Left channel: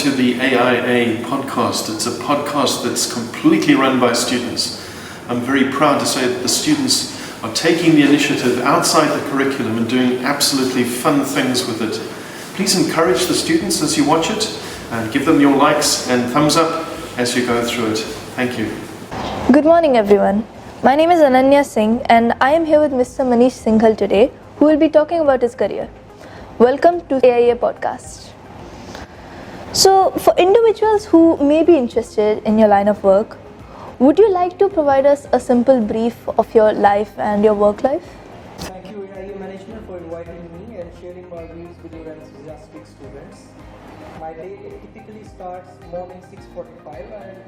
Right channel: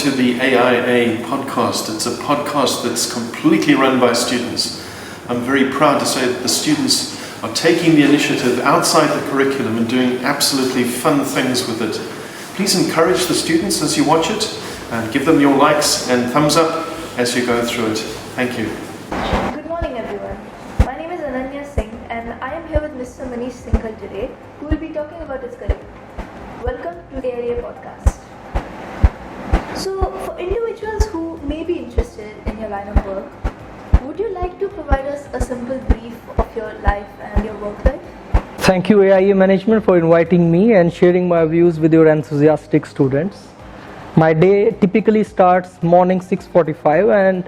to the AIA podcast. It's a podcast that's completely run by students. I'm very proud to say that the students are taking the initiative outside the curriculum and doing absolutely fun things with it. Please encourage the students as you watch it and give them your likes and thumbs up as you go through it. Thank you. Good morning everyone. My name is Ananya Singh and I am here with Mr. Manish Singhal today, who will be talking about his career. Welcome to AIA podcast. So for individuals who may be interested in your line of work, would you like to provide us a simple brief of your life and your work life? Thank you AIA management for inviting me and sharing my views with your enthusiastic students. My day typically starts morning 6:45 and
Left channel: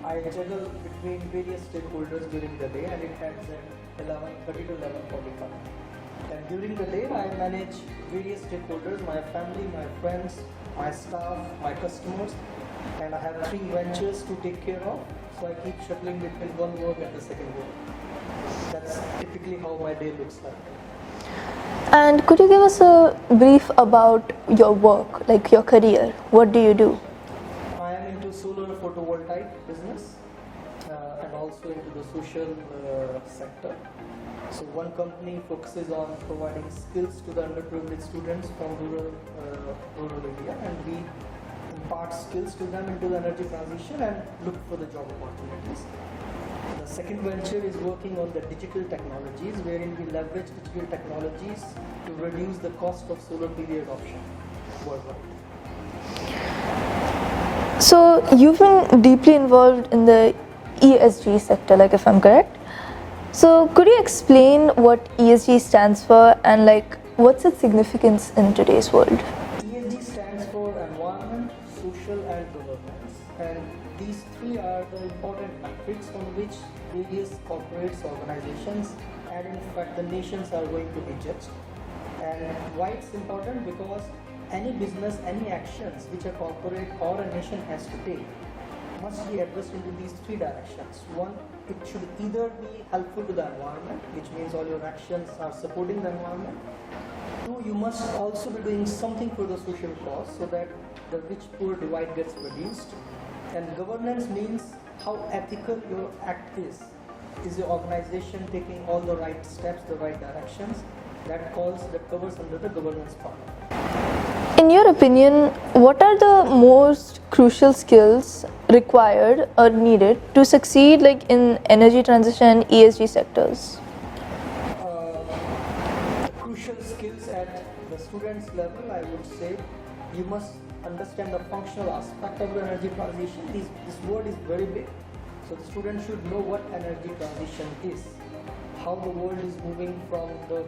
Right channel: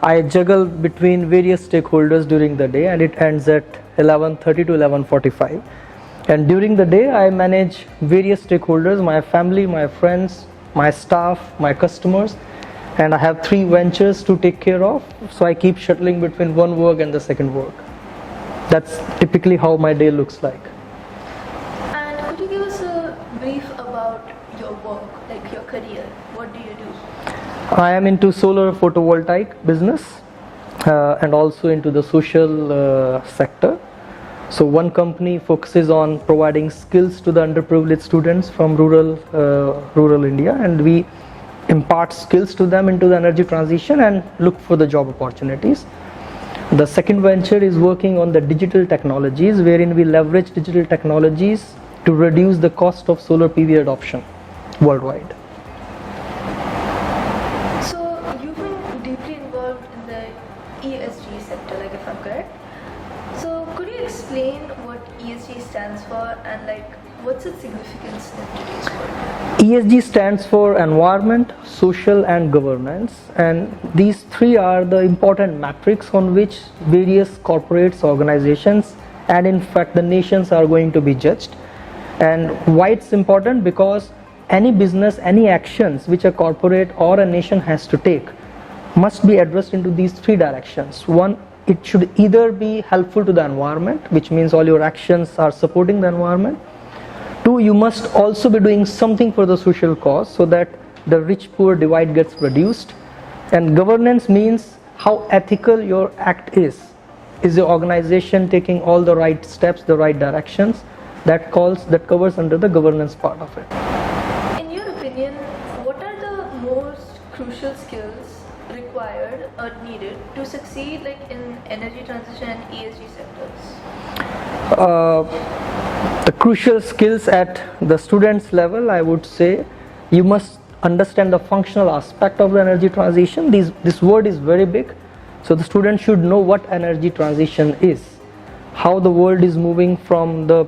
I juggle between various stakeholders during the day, and it ends at 11:30 to 11:45. And during the day I manage various stakeholders, my family, my friends, my staff, my customers, and I have 3 ventures to take care of, so I keep shuttling between one work and the second work. That's typically how my day looks like. And could you give us a brief about your work, like your career? What do you do? I am into solar photovoltaic business and also into the social sector. So one company focuses on providing skills to the underprivileged students from rural India, and we impart skills to them into the energy transition and look for the job opportunities. The second venture is working on the digital technologies, wherein we leverage digital technologies to reduce the cost of solar PV adoption worldwide. So you've been deeply involved in the ESG sector, like if I'm correct. So could you explain what ESG stands for and what's its significance in today's world? ESG stands for environment, social and governance, and these 3 are the important metrics on which various corporates, organizations, and in fact the nations are going to be judged. And why it's important? Because any business, any actions which a corporate or a nation has to take must be addressed into these 3 directions. One, it should either be helpful to the environment, which means all your actions are supporting the environment. 2, you must also be doing something for the social cause so that the rich-poor divide gets reduced. And governance means how ethical your act is. Is your organization taking all the right steps, the right directions? That covers under the governance part of it. In your opinion, what are the most crucial skills required or needed to succeed in energy transition and ESG sectors? The crucial skills at the students level, I would say, you must understand the functional aspect of the energy transition. This word is very big, so the student should know what energy transition is, how the world is moving from the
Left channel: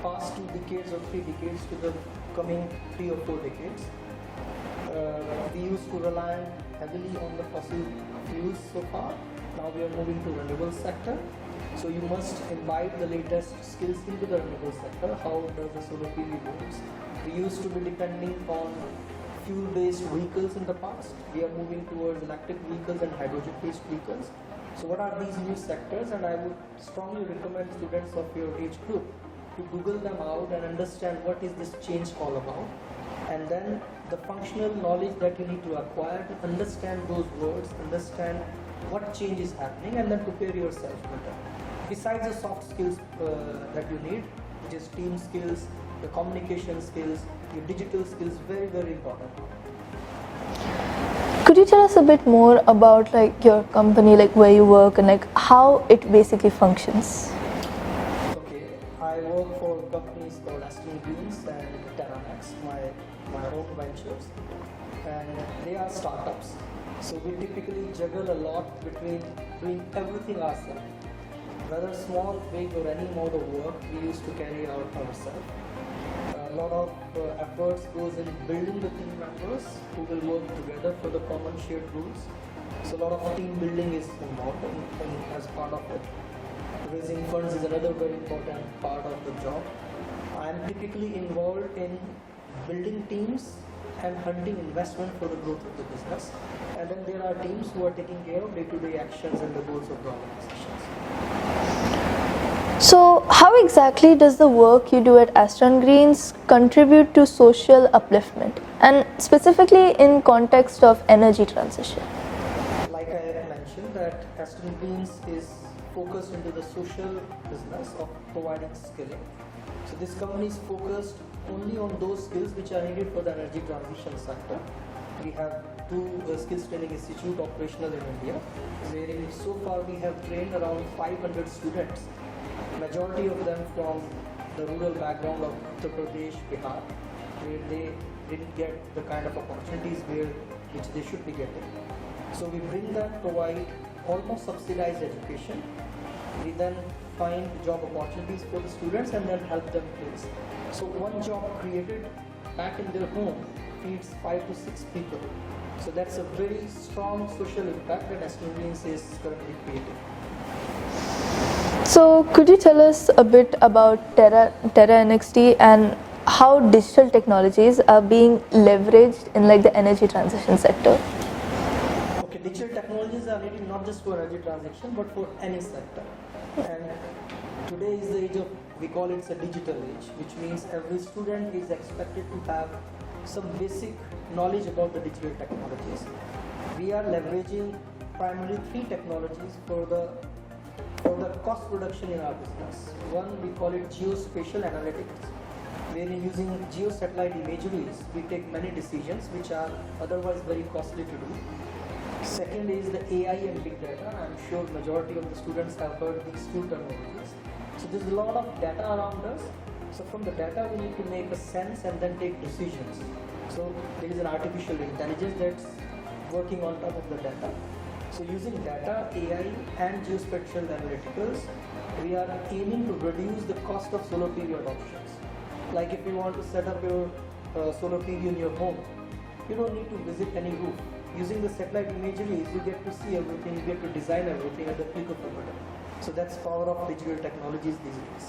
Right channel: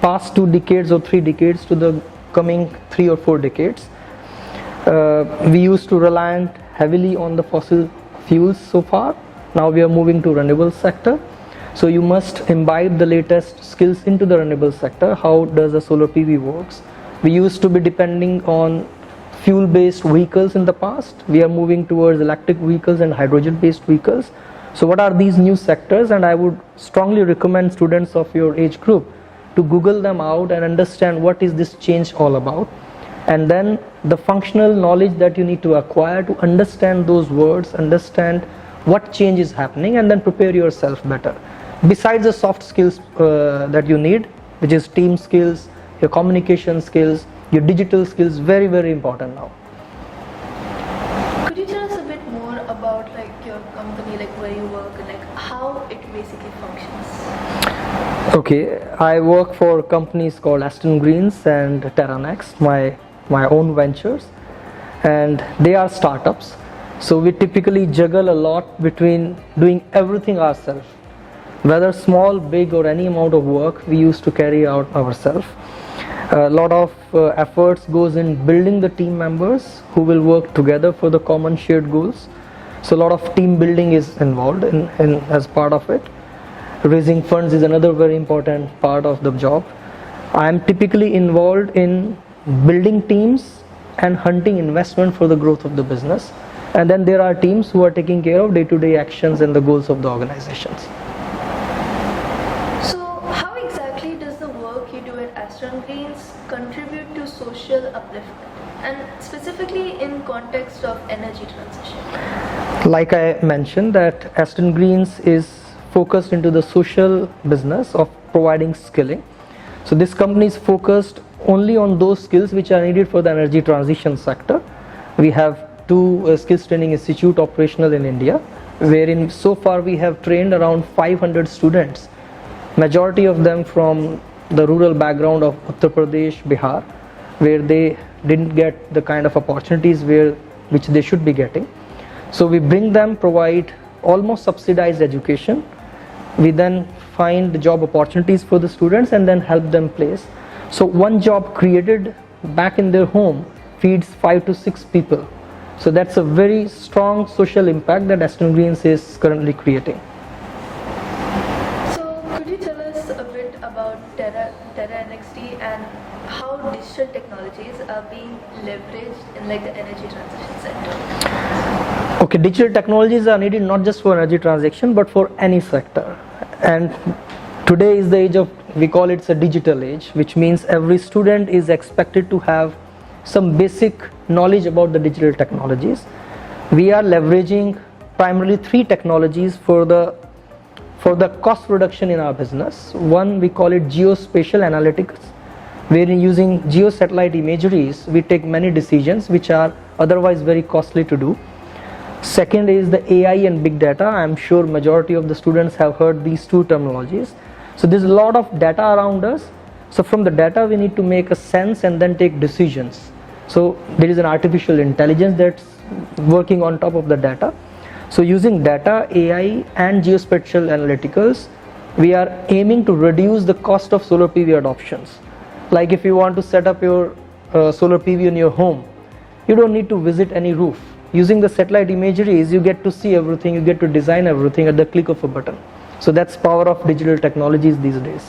past 2 decades or 3 decades to the coming 3 or 4 decades. We used to rely heavily on the fossil fuels so far. Now we are moving to renewable sector. So you must imbibe the latest skills into the renewable sector. How does the solar PV works? We used to be depending on fuel-based vehicles in the past. We are moving towards electric vehicles and hydrogen-based vehicles. So what are these new sectors? And I would strongly recommend students of your age group to Google them out and understand what is this change all about. And then the functional knowledge that you need to acquire to understand those words, understand what change is happening, and then prepare yourself better. Besides the soft skills that you need, which is team skills, your communication skills, your digital skills, very, very important now. Could you tell us a bit more about your company, where you work and how it basically functions? Okay, I work for companies called Aston Greens and Terranex, my own ventures, and they are startups. So we typically juggle a lot between doing everything ourselves. Whether small, big or any amount of work, we used to carry out ourselves. A lot of efforts goes in building the team members who will work together for the common shared goals. So a lot of team building is involved in as part of it. Raising funds is another very important part of the job. I am typically involved in building teams and hunting investment for the growth of the business. And then there are teams who are taking care of day-to-day actions and the goals of the organizations. So how exactly does the work you do at Aston Greens contribute to social upliftment? and specifically in context of energy transition? Like I mentioned, that Aston Greens is focused into the social business of providing skilling. So this company is focused only on those skills which are needed for the energy transition sector. We have two skills training institute operational in India, wherein so far we have trained around 500 students, majority of them from the rural background of Uttar Pradesh, Bihar, where they didn't get the kind of opportunities which they should be getting. So we bring them, provide almost subsidized education. We then find the job opportunities for the students and then help them place. So one job created back in their home feeds 5 to 6 people. So that's a very strong social impact that Aston Greens is currently creating. So could you tell us a bit about Terra NXT and how digital technologies are being leveraged in like the energy transition sector? Okay, digital technologies are needed not just for energy transition but for any sector. And today is the age of, we call it a digital age, which means every student is expected to have some basic knowledge about the digital technologies. We are leveraging primarily 3 technologies for the cost reduction in our business. One, we call it geospatial analytics, wherein using geosatellite imageries we take many decisions which are otherwise very costly to do. Second is the AI and big data. I am sure majority of the students have heard these 2 terminologies. So there's a lot of data around us. So from the data we need to make a sense and then take decisions. So there is an artificial intelligence that's working on top of the data. So using data, AI and geospatial analyticals, we are aiming to reduce the cost of solar PV adoptions. Like if you want to set up your solar PV in your home, you don't need to visit any roof. Using the satellite imageries, you get to see everything, you get to design everything at the click of a button. So that's power of digital technologies these days.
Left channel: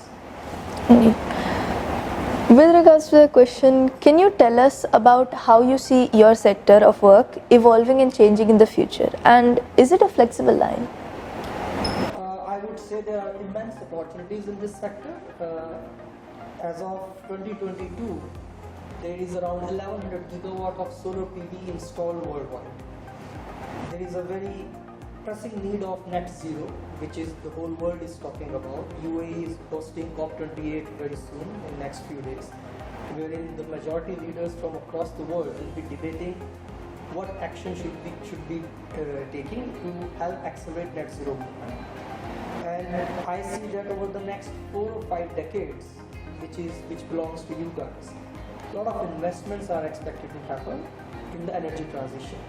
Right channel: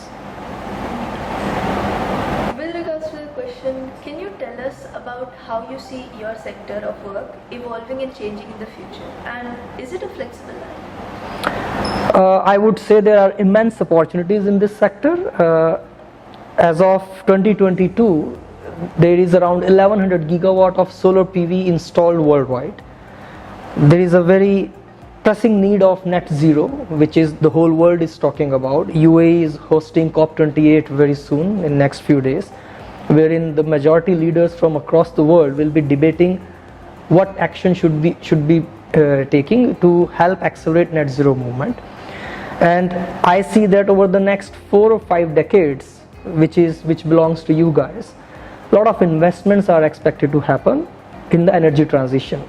With regards to the question, can you tell us about how you see your sector of work evolving and changing in the future? And is it a flexible line? I would say there are immense opportunities in this sector. As of 2022, there is around 1100 gigawatt of solar PV installed worldwide. There is a very pressing need of net zero, which is the whole world is talking about. UAE is hosting COP28 very soon in next few days, wherein the majority leaders from across the world will be debating what action should be taking to help accelerate net zero movement. And I see that over the next 4 or 5 decades, which belongs to you guys, a lot of investments are expected to happen in the energy transition.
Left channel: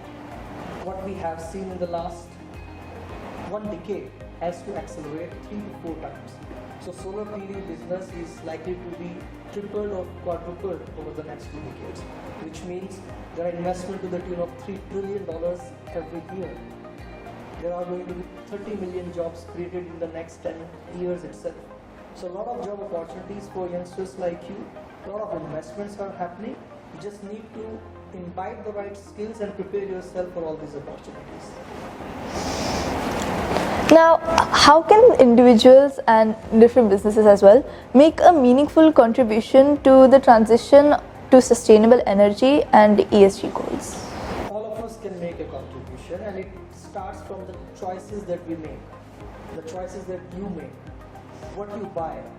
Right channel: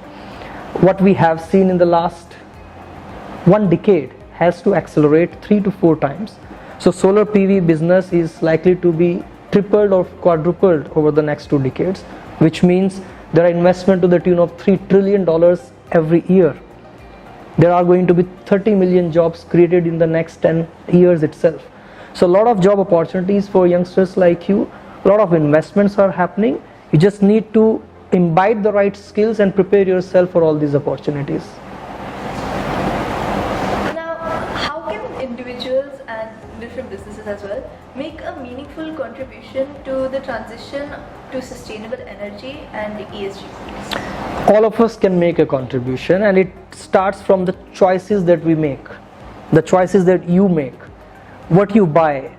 What we have seen in the last 1 decade has to accelerate 3 to 4 times. So solar PV business is likely to be tripled or quadrupled over the next 2 decades, which means there are investment to the tune of $3 trillion every year. There are going to be 30 million jobs created in the next 10 years itself. So a lot of job opportunities for youngsters like you. A lot of investments are happening. You just need to imbibe the right skills and prepare yourself for all these opportunities. Now, how can individuals and different businesses as well make a meaningful contribution to the transition to sustainable energy and ESG goals? All of us can make a contribution, and it starts from the choices that we make, the choices that you make, what you buy.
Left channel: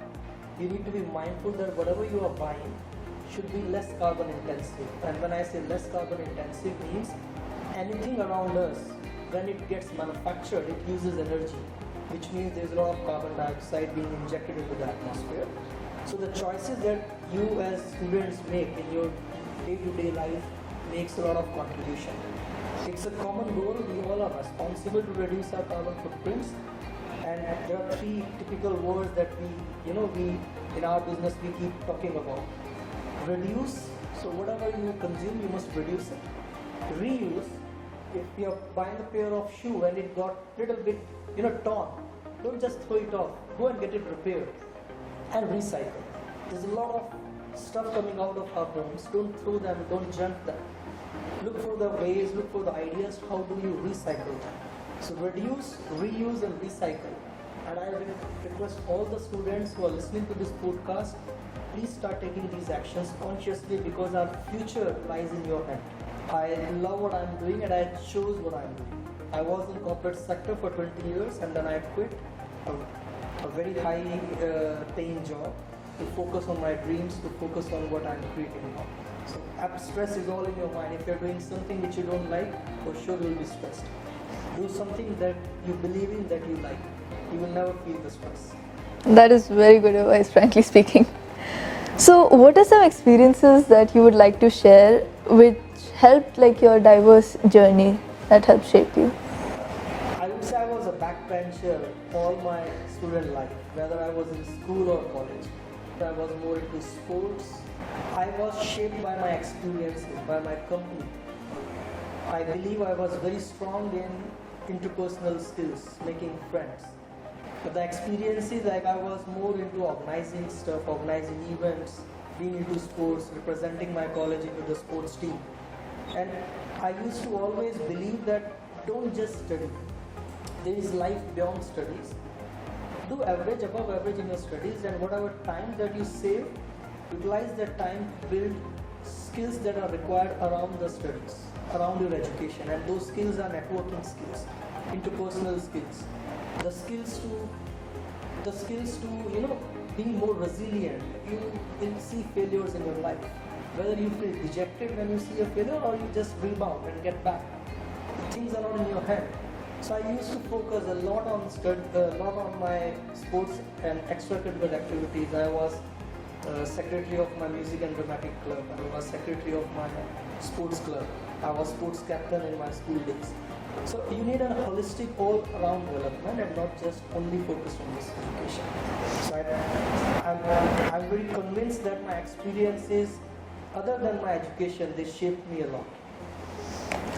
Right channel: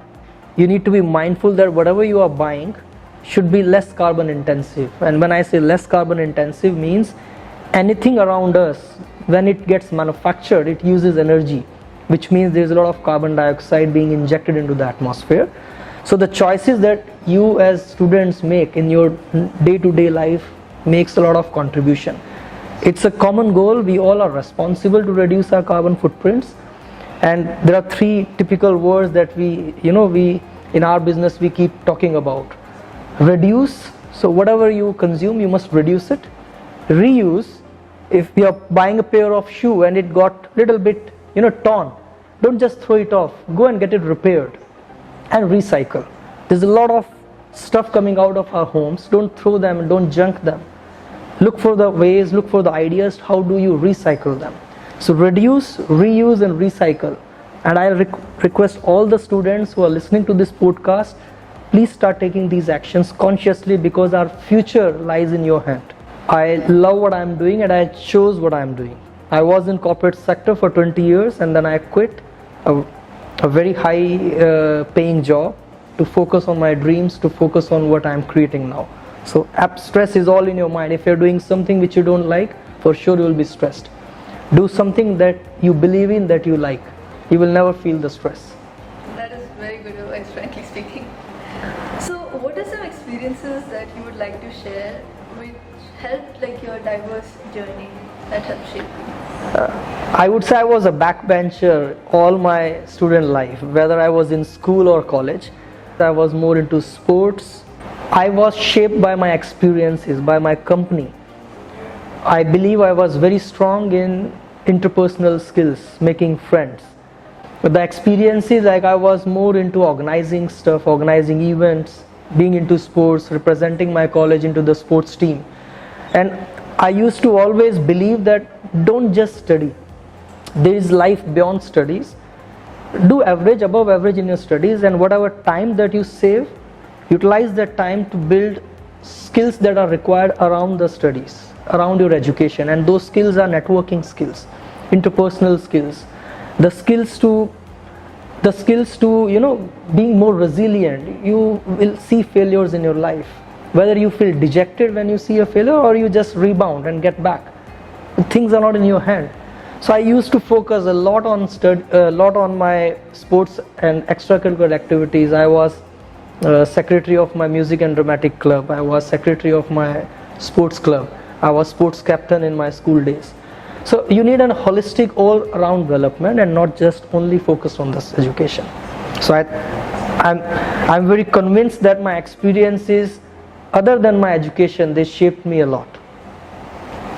You need to be mindful that whatever you are buying should be less carbon intensive. And when I say less carbon intensive means anything around us, when it gets manufactured, it uses energy, which means there's a lot of carbon dioxide being injected into the atmosphere. So the choices that you as students make in your day-to-day life makes a lot of contribution. It's a common goal. We all are responsible to reduce our carbon footprints. And there are 3 typical words that we in our business we keep talking about. Reduce, so whatever you consume you must reduce it. Reuse, if you are buying a pair of shoe and it got little bit torn, don't just throw it off, go and get it repaired. And recycle. There's a lot of stuff coming out of our homes, don't throw them and don't junk them. Look for the ways, look for the ideas, how do you recycle them. So reduce, reuse and recycle. And I request all the students who are listening to this podcast, please start taking these actions consciously, because our future lies in your hand. I love what I'm doing and I chose what I'm doing. I was in corporate sector for 20 years and then I quit a very high paying job to focus on my dreams, to focus on what I'm creating now. So stress is all in your mind. If you're doing something which you don't like, for sure you will be stressed. Do something that you believe in, that you like. You will never feel the stress. That is very good advice, frankly speaking. So what are some experiences that you would like to share which helped like your diverse journey, that helped shape you? I would say I was a backbencher all my student life, whether I was in school or college. I was more into sports. I was shaped by my experiences, by my company. I believe I was very strong in interpersonal skills, making friends. But the experiences, like I was more into organizing stuff, organizing events, being into sports, representing my college into the sports team. And I used to always believe that don't just study. There is life beyond studies. Do average, above average in your studies, and whatever time that you save, utilize that time to build skills that are required around the studies, around your education. And those skills are networking skills, interpersonal skills, the skills to being more resilient. You will see failures in your life, whether you feel dejected when you see a failure or you just rebound and get back. Things are not in your hand. So I used to focus a lot on my sports and extracurricular activities. I was secretary of my music and dramatic club. I was secretary of my sports club. I was sports captain in my school days. So you need a holistic all-around development and not just only focused on this education. So I'm very convinced that my experiences, other than my education, they shaped me a lot.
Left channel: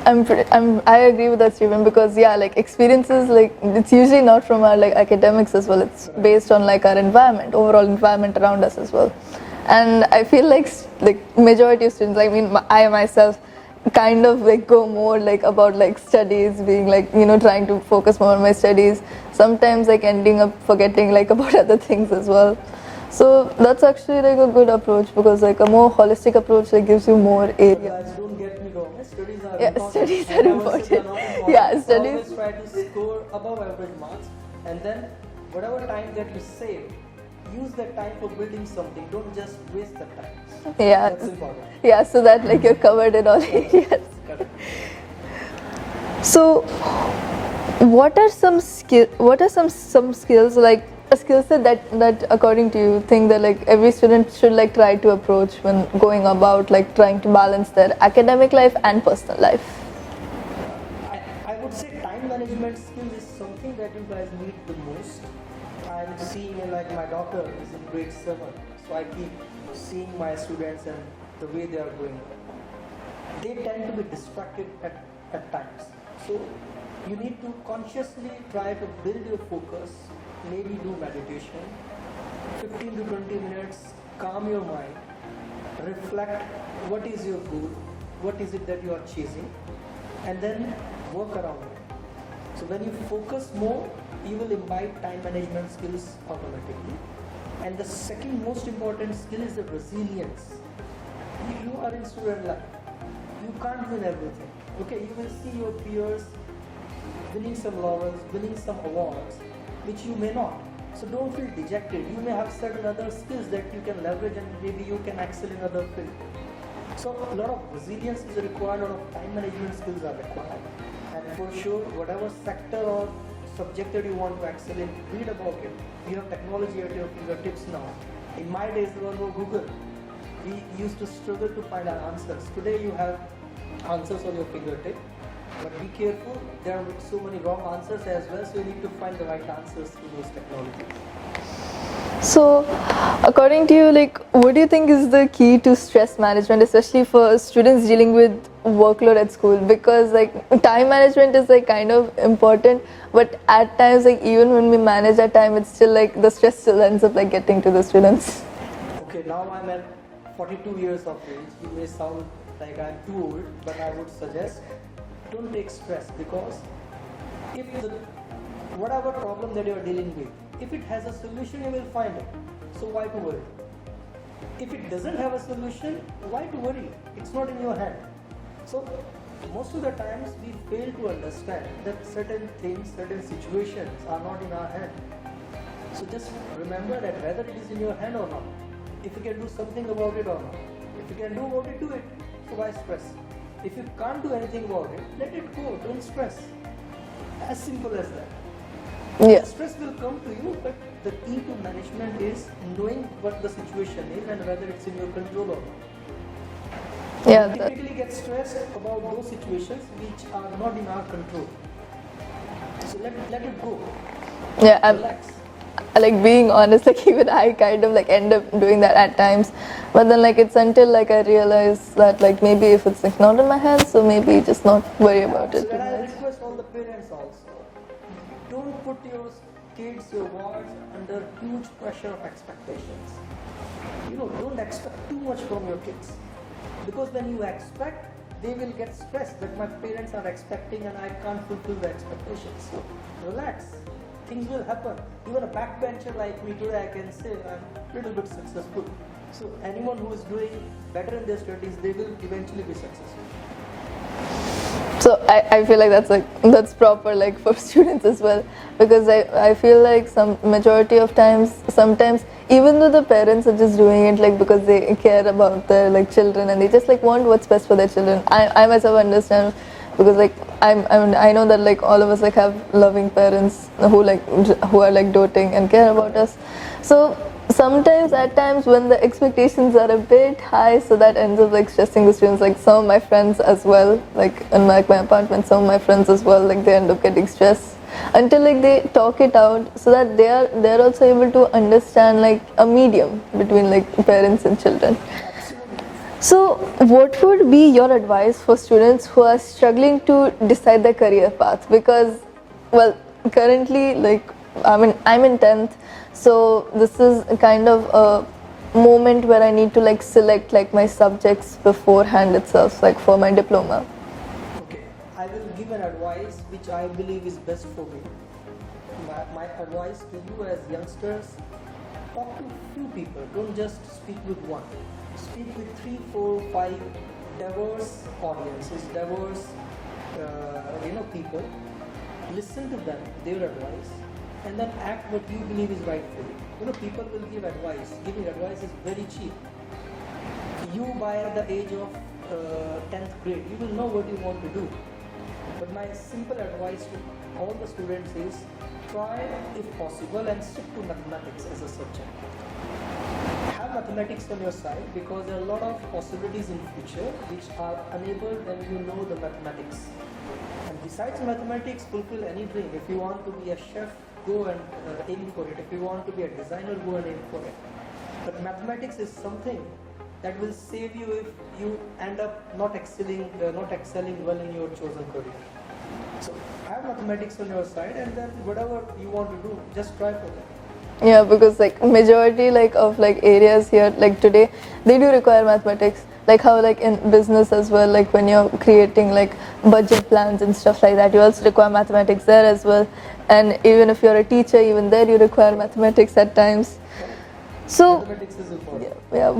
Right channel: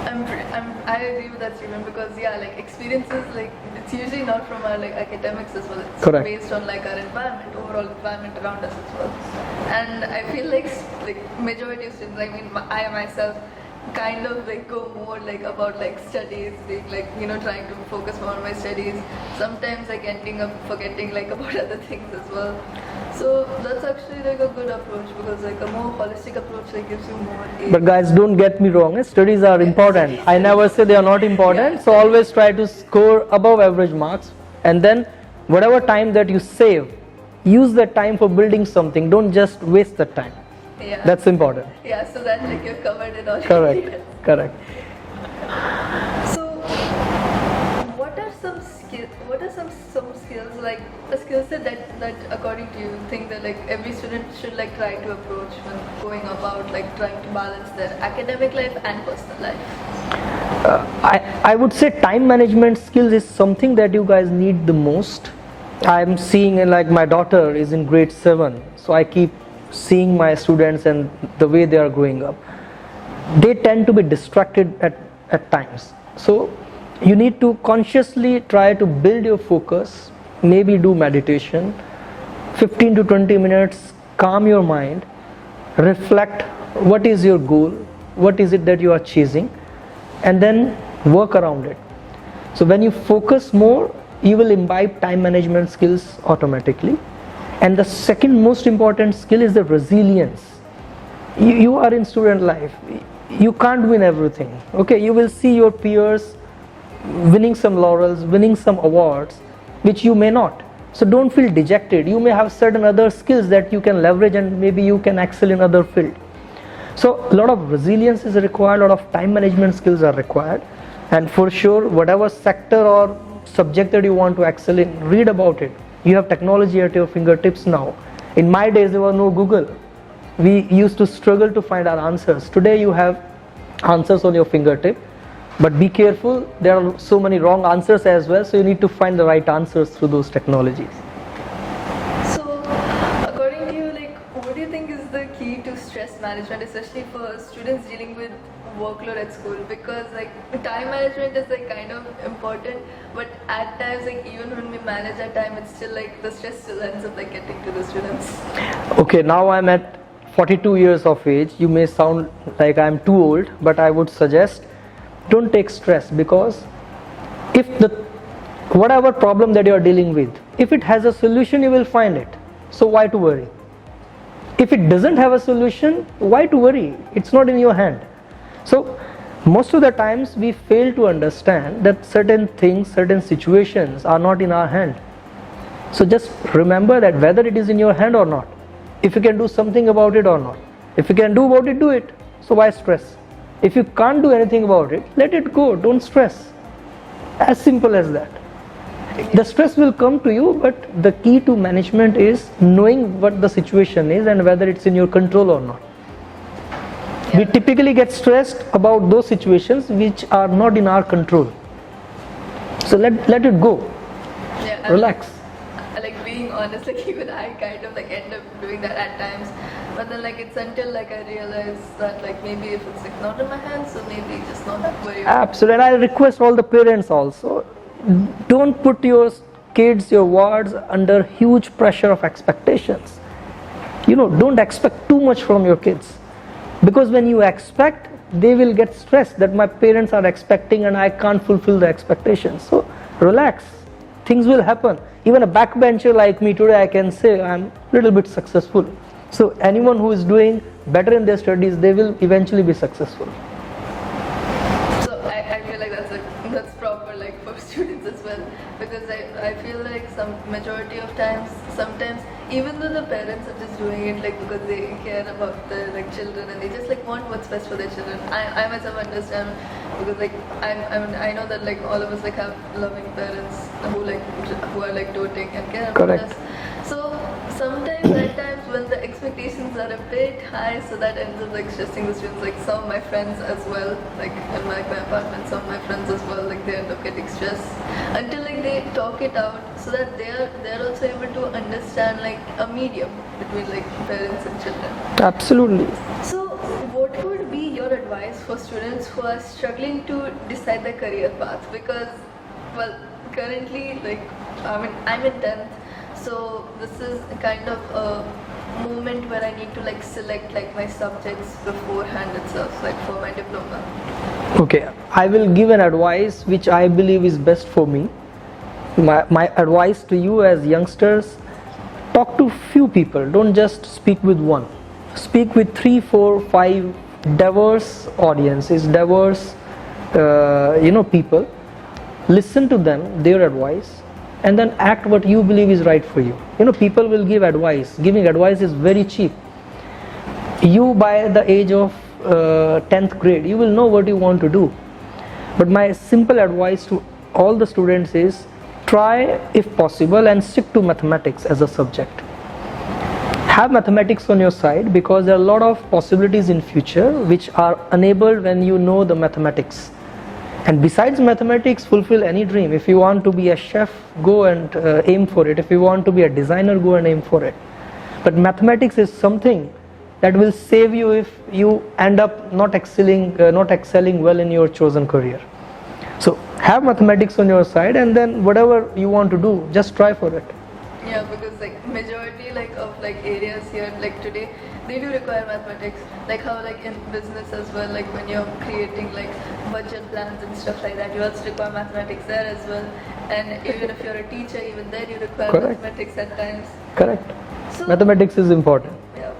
I agree with that, Stephen, because like experiences, like it's usually not from our like academics as well. It's Correct. Based on like our environment, overall environment around us as well. And I feel like majority of students, I mean, I myself kind of like go more like about like studies, being like, trying to focus more on my studies. Sometimes like ending up forgetting like about other things as well. So that's actually like a good approach, because like a more holistic approach like gives you more aid. But guys, don't get me wrong, studies are important. Studies I are never important. say they are not important. Yeah, So always try to score above average marks, and then whatever time that you save, use that time for building something. Don't just waste the time. Yeah. That's important. Yeah, so that like you're covered it all. Correct. Yes. Correct. So what are some skills, like a skill set that according to you think that like every student should like try to approach when going about like trying to balance their academic life and personal life? I would say time management skills is something that you guys need the most. I'm seeing like my daughter is in grade 7, so I keep seeing my students and the way they are growing up. They tend to be distracted at times. So you need to consciously try to build your focus, maybe do meditation, 15 to 20 minutes, calm your mind, reflect what is your goal, what is it that you are chasing, and then work around it. So when you focus more, you will imbibe time management skills automatically. And the second most important skill is the resilience. You are in student life. You can't win everything. Okay, you will see your peers winning some laurels, winning some awards, which you may not. So don't feel dejected. You may have certain other skills that you can leverage, and maybe you can excel in other field. So a lot of resilience is required, a lot of time management skills are required. And for sure, whatever sector or subject that you want to excel in, read about it. You have technology at your fingertips now. In my days, there was no Google. We used to struggle to find our answers. Today, you have answers on your fingertip. But be careful, there are so many wrong answers as well, so you need to find the right answers through those technologies. So, according to you, like, what do you think is the key to stress management, especially for students dealing with workload at school? Because like time management is like kind of important, but at times like even when we manage our time, it's still like the stress still ends up like getting to the students. Okay, now I'm at 42 years of age. You may sound like I'm too old, but I would suggest don't take stress, because if whatever problem that you are dealing with, if it has a solution, you will find it. So why to worry? If it doesn't have a solution, why to worry? It's not in your hand. So most of the times we fail to understand that certain things, certain situations are not in our hand. So just remember that whether it is in your hand or not, if you can do something about it or not. If you can do about it, do it. So why stress? If you can't do anything about it, let it go, don't stress. As simple as that. Yeah. The stress will come to you, but the key to management is knowing what the situation is and whether it's in your control or not. Yeah. We typically get stressed about those situations which are not in our control. So let it go. Yeah, Relax. like being honest, like even I kind of like end up doing that at times, but then like it's until like I realize that like maybe if it's like not in my hands, so maybe just not worry about Absolutely. And I request all the parents also, don't put your kids, your wards under huge pressure of expectations. Don't expect too much from your kids, because when you expect, they will get stressed that my parents are expecting and I can't fulfill the expectations. So relax, things will happen. Even a backbencher like me today, I can say I'm a little bit successful. So anyone who is doing better in their studies, they will eventually be successful. So I feel like that's proper like for students as well, because I feel like some majority of times, sometimes even though the parents are just doing it like because they care about their like children and they just like want what's best for their children. I myself understand, because like I know that like all of us like have loving parents who are like doting and care about Correct. us. So sometimes at times when the expectations are a bit high, so that ends up like stressing the students. Like some of my friends as well, like in my apartment, some of my friends as well, like they end up getting stressed until like they talk it out, so that they're also able to understand like a medium between like parents and children. Absolutely. So what would be your advice for students who are struggling to decide their career path? Because well, currently like I'm in 10th, so this is kind of a moment where I need to like select like my subjects beforehand itself, like for my diploma. Okay, I will give an advice which I believe is best for me. My advice to you as youngsters, talk to few people, don't just speak with one. Speak with 3, 4, 5 diverse audiences, diverse people. Listen to them, their advice, and then act what you believe is right for you. People will give advice. Giving advice is very cheap. You by the age of 10th grade, you will know what you want to do. But my simple advice to all the students is, try if possible and stick to mathematics as a subject. Have mathematics on your side, because there are a lot of possibilities in future which are enabled when you know the mathematics. And besides mathematics, fulfill any dream. If you want to be a chef, go and aim for it. If you want to be a designer, go and aim for it. But mathematics is something that will save you if you end up not excelling well in your chosen career. So have mathematics on your side, and then whatever you want to do, just try for it. Yeah, because like majority like of like areas here like today, they do require mathematics. Like how like in business as well, like when you're creating like budget plans and stuff like that, you also require mathematics there as well. And even if you're a teacher, even there you require Correct. mathematics at times. Correct. So Mathematics is important. yeah,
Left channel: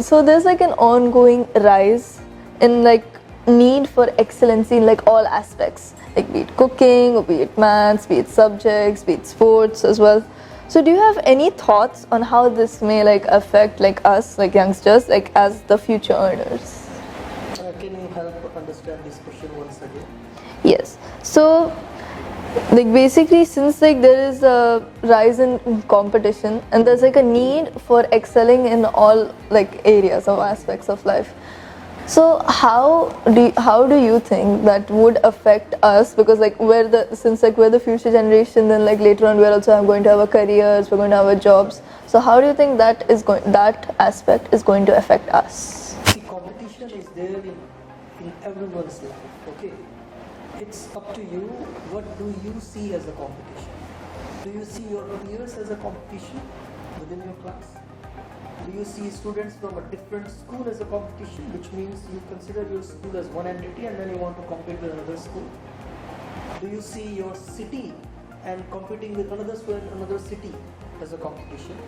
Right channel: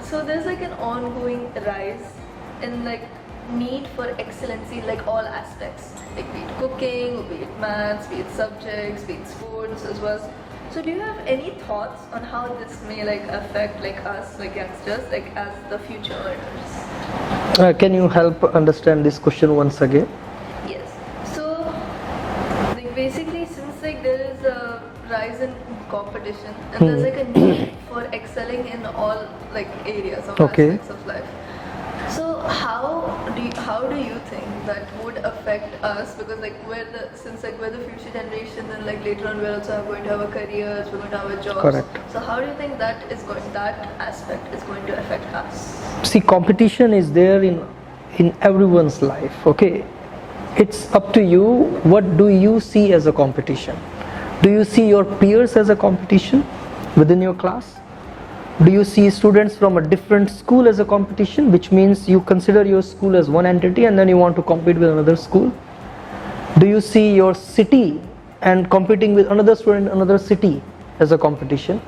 so there's like an ongoing rise in like need for excellency in like all aspects, like be it cooking, or be it maths, be it subjects, be it sports as well. So do you have any thoughts on how this may like affect like us, like youngsters, like as the future earners? Can you help understand this question once again? Yes. So like basically, since like there is a rise in competition and there's like a need for excelling in all like areas or Okay. aspects of life. So how do you think that would affect us? Because like we're the future generation, then like later on we're also going to have our careers, we're going to have our jobs. Correct. So how do you think that aspect is going to affect us? See, competition is there in everyone's life. Okay, it's up to you. What do you see as a competition? Do you see your peers as a competition within your class? Do you see students from a different school as a competition, which means you consider your school as one entity and then you want to compete with another school? Do you see your city and competing with another student in another city as a competition?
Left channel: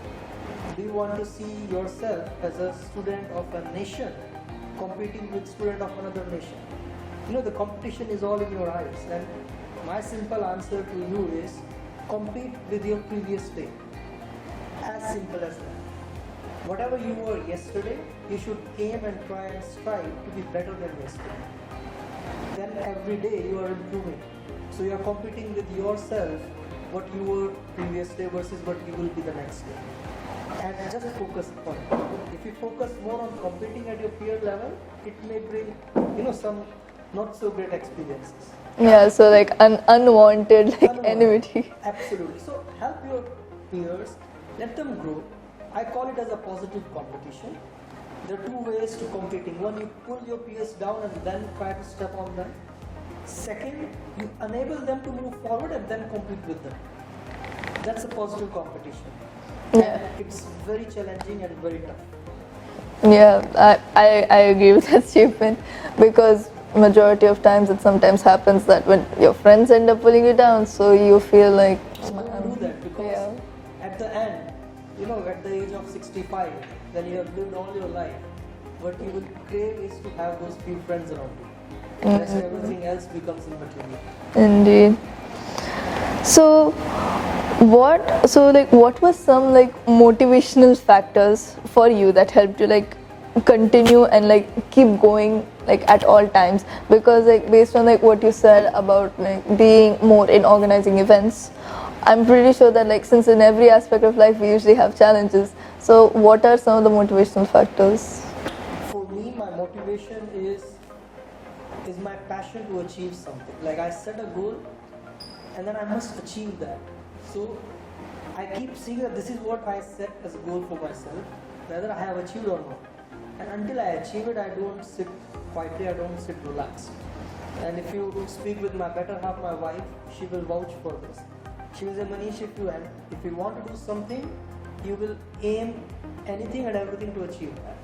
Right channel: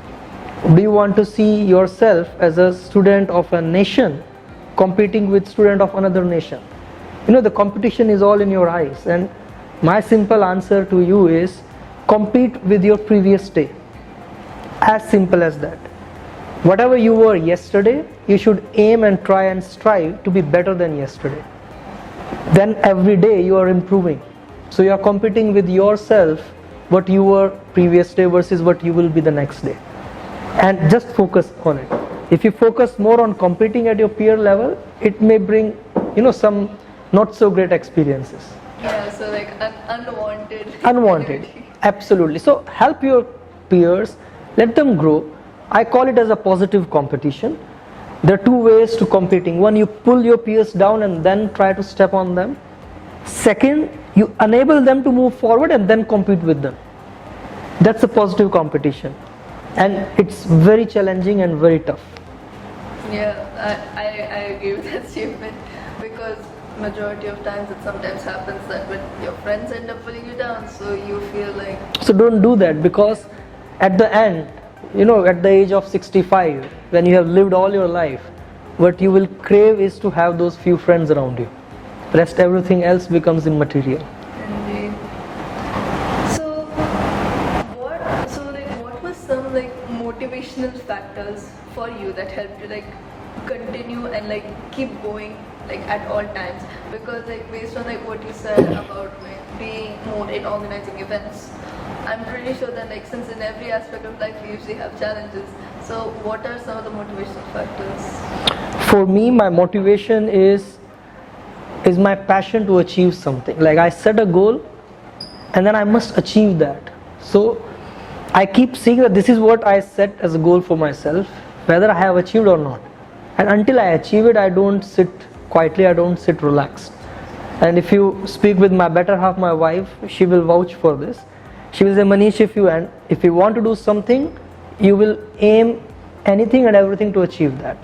do you want to see yourself as a student of a nation competing with student of another nation? The competition is all in your eyes, and my simple answer to you is compete with your previous day. As simple as that. Whatever you were yesterday, you should aim and try and strive to be better than yesterday. Then every day you are improving. So you are competing with yourself, what you were previous day versus what you will be the next day. And just focus on it. If you focus more on competing at your peer level, it may bring, some not so great experiences. Yeah, so like unwanted enmity. Absolutely. So help your peers, let them grow. I call it as a positive competition. There are two ways to competing. One, you pull your peers down and then try to step on them. Second, you enable them to move forward and then compete with them. That's a positive competition. And it's very challenging and very tough. Yeah, I agree with that statement, because majority of times it sometimes happens that when your friends end up pulling you down, so you feel like... So don't do that, because at the end, at the age of 65, when you have lived all your life, what you will crave is to have those few friends around you. Rest everything else becomes immaterial. Indeed. So what were some motivational factors for you that helped you continue and keep going at all times? Because based on what you said about being more in organizing events, I'm pretty sure that since in every aspect of life we usually have challenges, so what are some of the motivational factors? For me, my motivation is my passion to achieve something. I set a goal and then I must achieve that. So I keep seeing that this is what I set as a goal for myself, whether I have achieved or not. And until I achieve it, I don't sit quietly, I don't sit relaxed. And if you speak with my better half, my wife, she will vouch for this. She will say, Manish, if you want to do something, you will aim anything and everything to achieve that.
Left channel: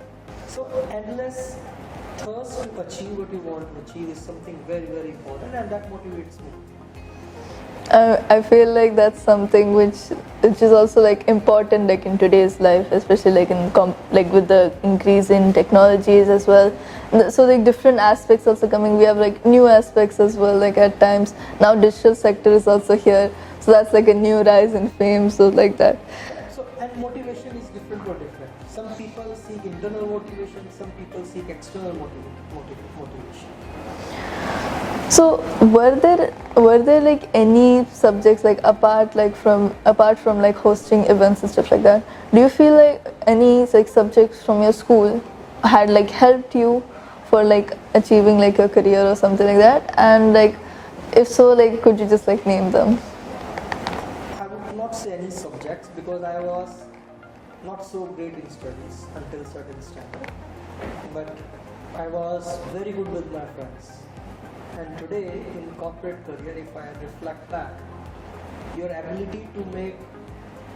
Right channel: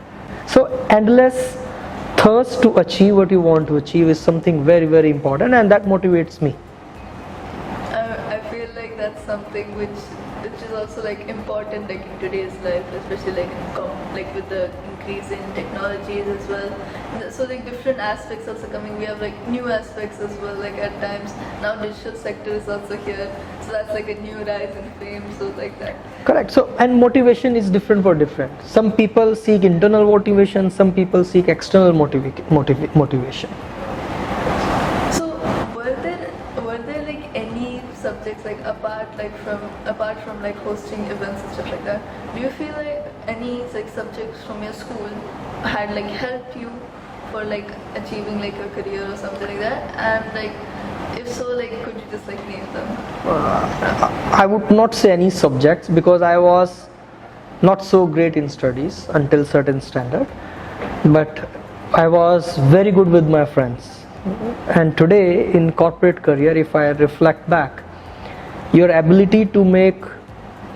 So endless thirst to achieve what you want to achieve is something very, very important, and that motivates me. I feel like that's something which is also important in today's life, especially with the increase in technologies as well. So different aspects also coming. We have new aspects as well. At times now digital sector is also here. So that's a new rise in fame. So that. Correct. So and motivation is different for different. Some people seek internal motivation. Some people seek external motivation. So were there any subjects apart from hosting events and stuff like that? Do you feel any subjects from your school had helped you for achieving your career or something like that? And if so, could you just name them? I would not say any subjects, because I was not so great in studies until certain standard, but I was very good with my friends. And today in corporate career, if I reflect back, your ability to make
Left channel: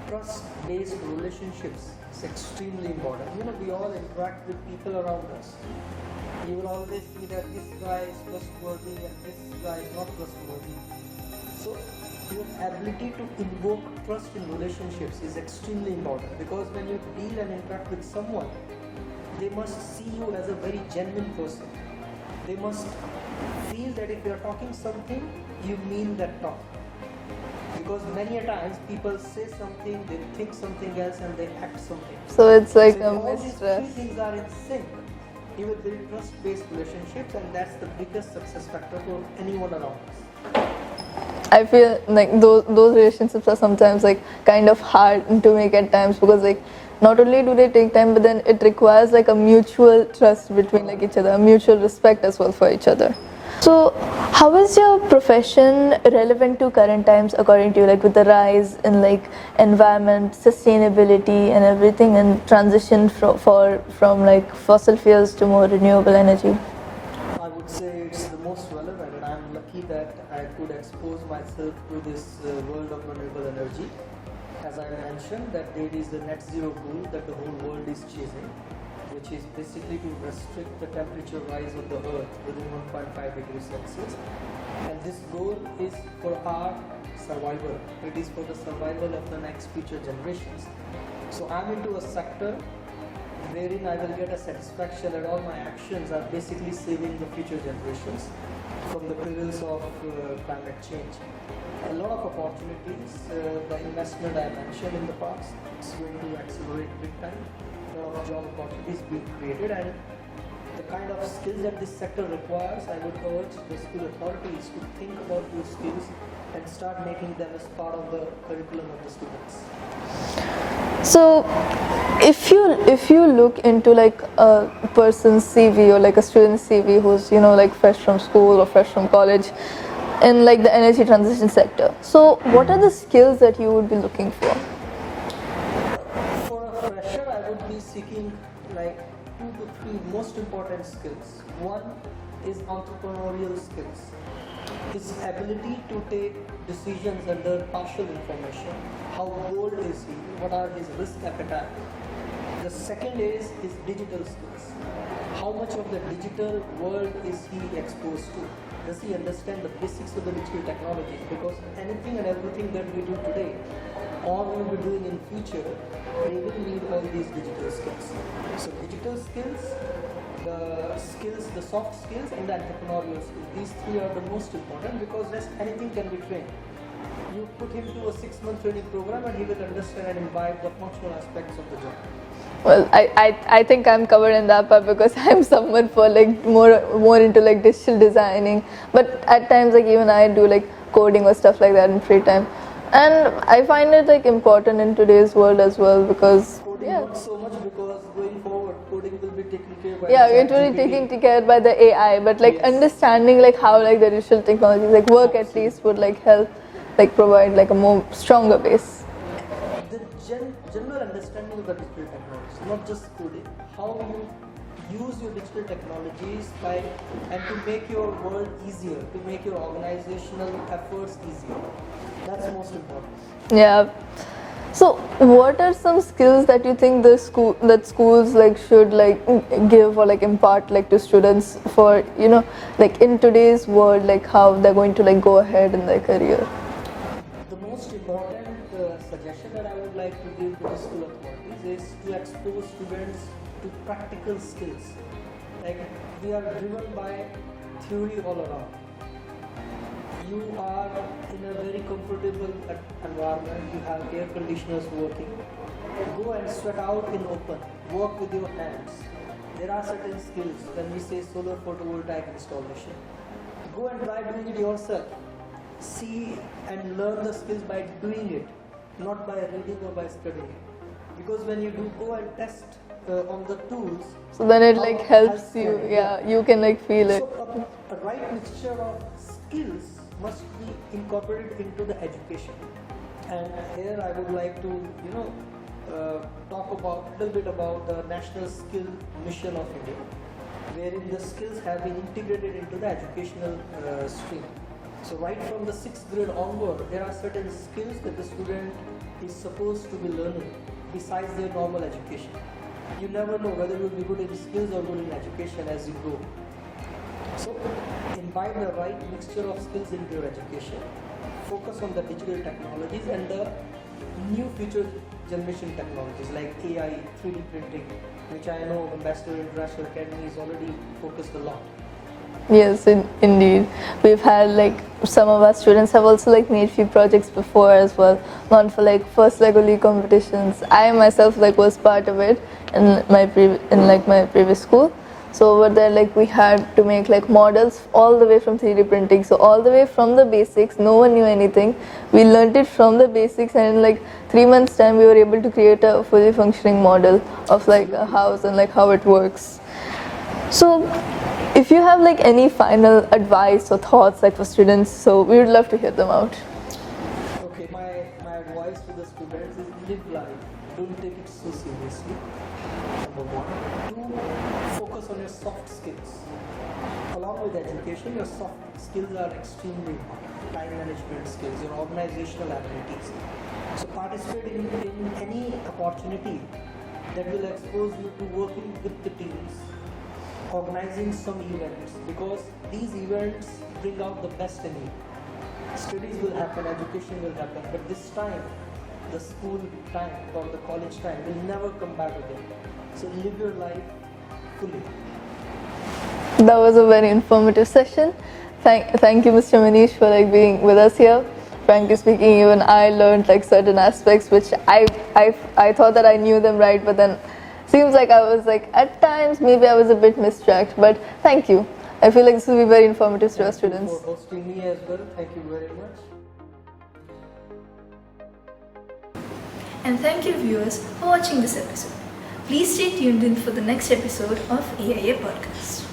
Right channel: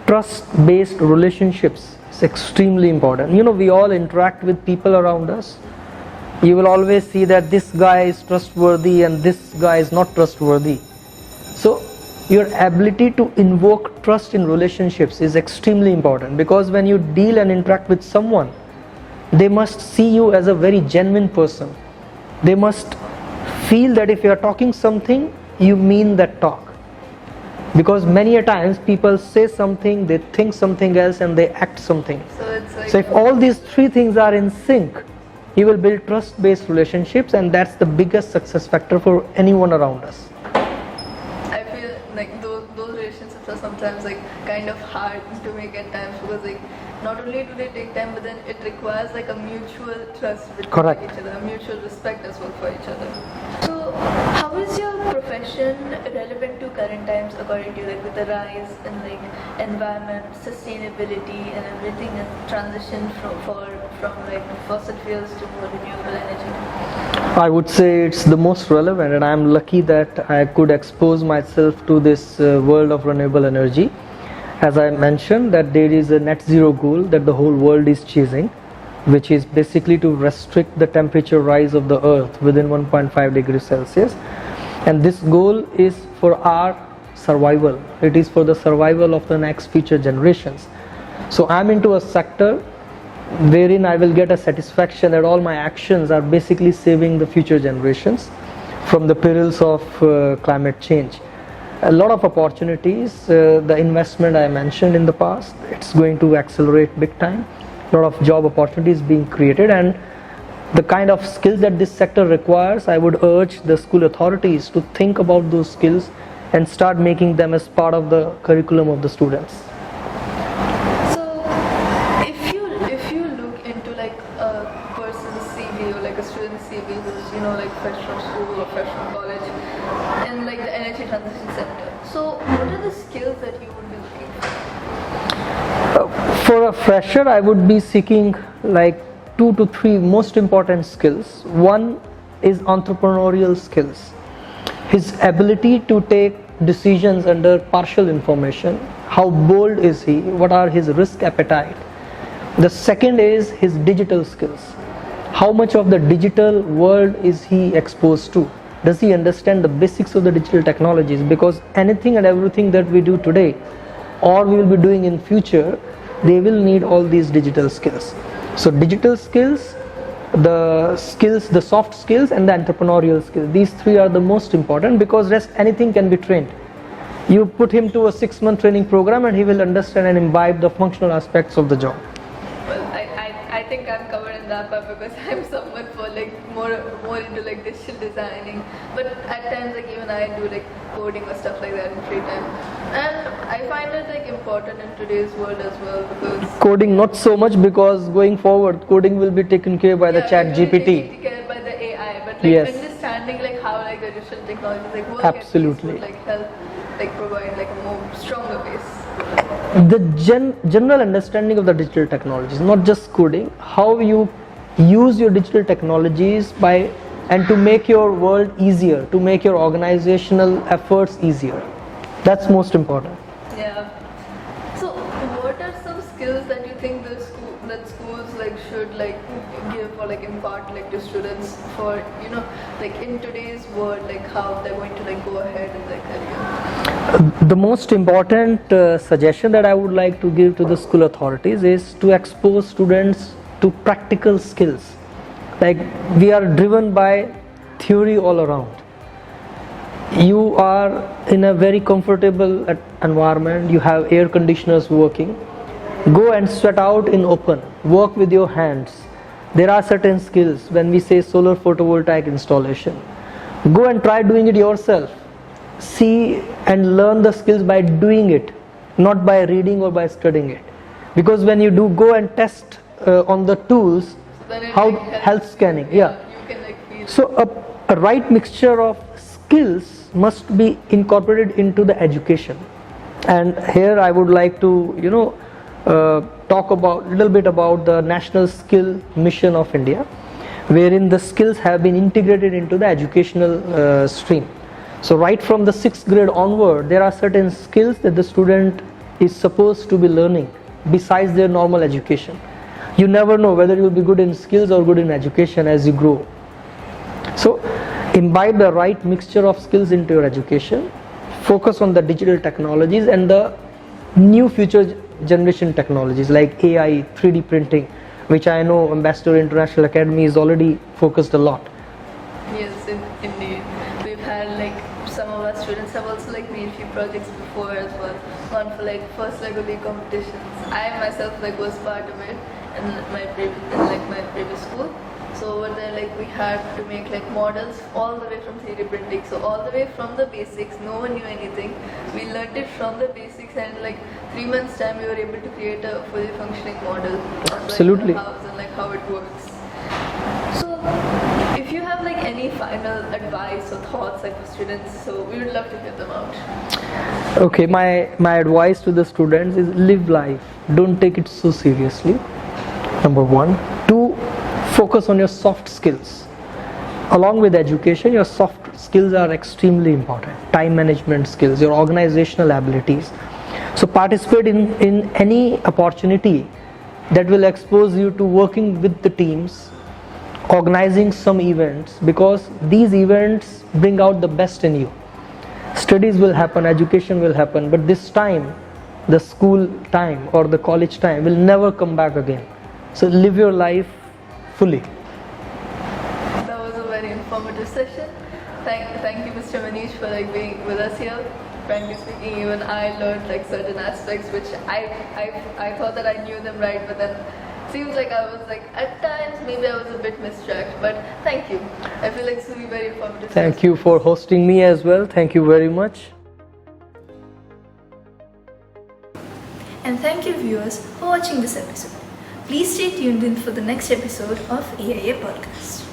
trust-based relationships is extremely important. We all interact with people around us. You will always see that this guy is trustworthy and this guy is not trustworthy. So your ability to invoke trust in relationships is extremely important, because when you deal and interact with someone, they must see you as a very genuine person. They must feel that if you are talking something, you mean that talk. Because many a times people say something, they think something else, and they act something. So it's so if all these three things are in sync, you will build trust-based relationships, and that's the biggest success factor for anyone around us. I feel those relationships are sometimes kind of hard to make at times, because not only do they take time, but then it requires a mutual trust between each other, a mutual respect as well for each other. So how is your profession relevant to current times according to you, with the rise in environment, sustainability and everything, and transition from fossil fuels to more renewable energy? I would say it's the most relevant, and I'm lucky that I could expose myself to this world of renewable energy. As I mentioned, that there is a net zero goal that the whole world is chasing, which is basically to restrict the temperature rise of the earth within 1.5 degrees Celsius. And this goal is for our survival. It is for the survival of the next future generations. So I'm into a sector wherein I will get a satisfaction that all my actions are basically saving the future generations from the perils of climate change. A lot of opportunities, the investment I mentioned in the past, it's going to accelerate big time. A lot of job opportunities being created, and the kind of skills that this sector requires, I would urge the school authorities to think about those skills and start making them as part of the curriculum of the students. So if you look into like a person's CV or like a student's CV who's like fresh from school or fresh from college in like the energy transition sector, so what are the skills that you would be looking for? For a fresher, I would be seeking like 2 to 3 most important skills. One is entrepreneurial skills. His ability to take decisions under partial information. How bold is he? What are his risk appetite? The second is his digital skills. How much of the digital world is he exposed to? Does he understand the basics of the digital technologies? Because anything and everything that we do today or we will be doing in future, they will need all these digital skills. So digital skills, the soft skills and the entrepreneurial skills, these 3 are the most important, because rest anything can be trained. You put him to a 6-month training program and he will understand and imbibe the functional aspects of the job. Well, I think I'm covered in that part, because I'm someone for like more into like digital designing, but at times like even I do like coding or stuff like that in free time, and I find it like important in today's world as well, because coding not so much, because going forward coding will be taken care by the chat it will be GPT. taken care by the AI, but like understanding like how like the digital technologies like work at least would like help like provide like a more stronger base. The general understanding of the digital technologies, not just coding, how you use your digital technologies and to make your world easier, to make your organizational efforts easier. That's most important. Yeah. So what are some skills that you think schools like should like give or like impart like to students for like in today's world, like how they're going to like go ahead in their career? The most important suggestion that I would like to give to the school authorities is to expose students to practical skills. Like, we are driven by theory all around. You are in a very comfortable environment, you have air conditioners working. Go and sweat out in open, work with your hands. There are certain skills when we say solar photovoltaic installation. Go and try doing it yourself. See and learn the skills by doing it, not by reading or by studying it. Because when you do go and test on the tools, so then it like helps health scanning, you, you can like feel it. So a right mixture of skills must be incorporated into the education. And here I would like to talk about little bit about the National Skill Mission of India, wherein the skills have been integrated into the educational stream. So right from the 6th grade onward, there are certain skills that the student is supposed to be learning besides their normal education. You never know whether you will be good in skills or good in education as you grow. So imbibe the right mixture of skills into your education, focus on the digital technologies and the new future generation technologies like AI, 3D printing, which I know Ambassador International Academy is already focused a lot. Yes, indeed. We've had like some of our students have also like made few projects before as well, gone for like first Lego League competitions. I myself like was part of it in my previous school. So over there like we had to make like models all the way from 3D printing. So all the way from the basics, no one knew anything. We learned it from the basics, and in like 3 months time we were able to create a fully functioning model of like the house and like how it works. So if you have like any final advice or thoughts like for students, so we would love to hear them out. Okay, my advice to the students is live life. Don't take it so seriously. Number 1. 2. Focus on your soft skills. Along with education, your soft skills are extremely important. Time management skills, your organizational abilities. So participate in any opportunity that will expose you to working with the teams, organizing some events, because these events bring out the best in you. Studies will happen, education will happen, but this time the school time or the college time will never come back again. So live your life fully. That was a very informative session. Thank you, Mr. Manish, for being with us here. Frankly speaking, even I learned certain aspects which I thought that I knew them right, but then seems like I was at times maybe I was a bit distracted. But thank you. I feel like this will be very informative. Thank you for hosting me as well. Thank you very much. And thank you, viewers, for watching this episode. Please stay tuned in for the next episode of AIA Podcast.